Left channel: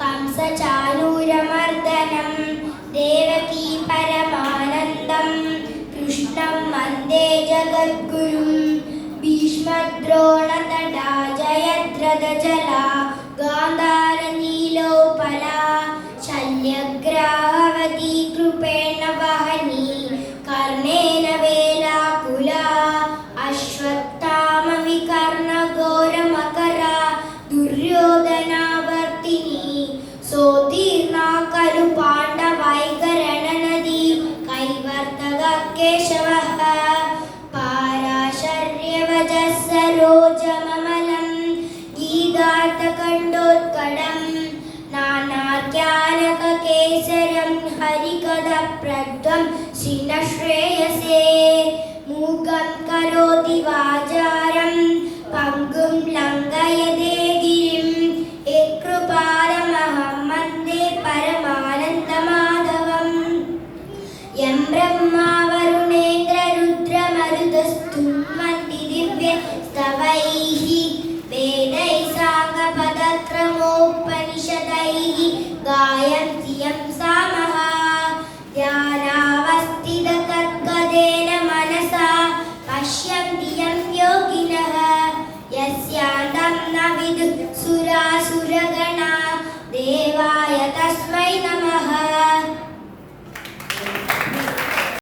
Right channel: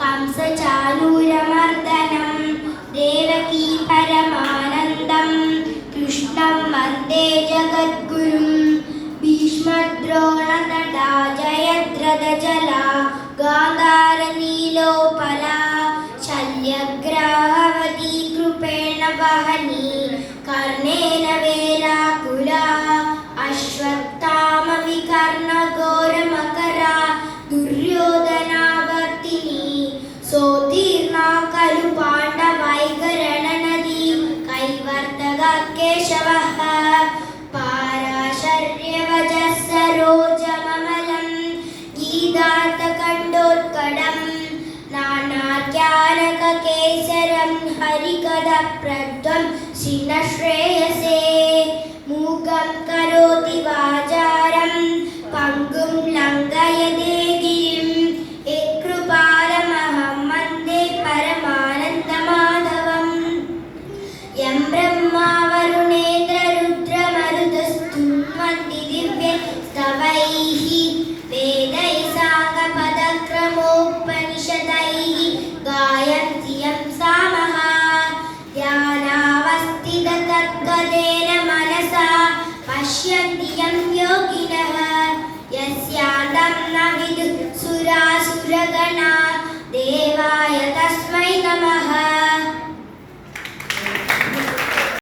कंसचाणूरमर्दनं देवकी परमानन्दं कृष्णं वन्दे जगद्गुरुं भीष्मद्रोणतटा जयद्रथजला गान्धारनीलोपला शल्यग्राहवती कृपेण वहनी कर्णेन वेलाकुला अश्वत्थामविकर्णघोरमकरा दुर्योधनावर्तिनी सोत्तीर्णा खलु पाण्डवैगरणनदी कैवर्तक केशवः पाराशर्यवजः सरोजममलं गीतार्थकण्ठोत्कटं नानाज्ञानककेसरं हरिकथाप्रध्वं श्रीनश्रेयसे मूकं करोति वाचारं पङ्गुं लङ्घयते गिरिं यत्कृपालमहं वन्दे परमानन्दमाधवम् यं ब्रह्मा वरुणेन्द्ररुद्रमरुतस्तुन्वन्ति दिव्यस्तवैः वेदैः साङ्गपदक्रमोपनिषदैः गायन्ति यं सामः ध्यानावस्थिततद्गतेन मनसा पश्यन्ति यं योगिनः यस्यान्तं न विदुः सुरासुरगणा देवाय तस्मै नमः।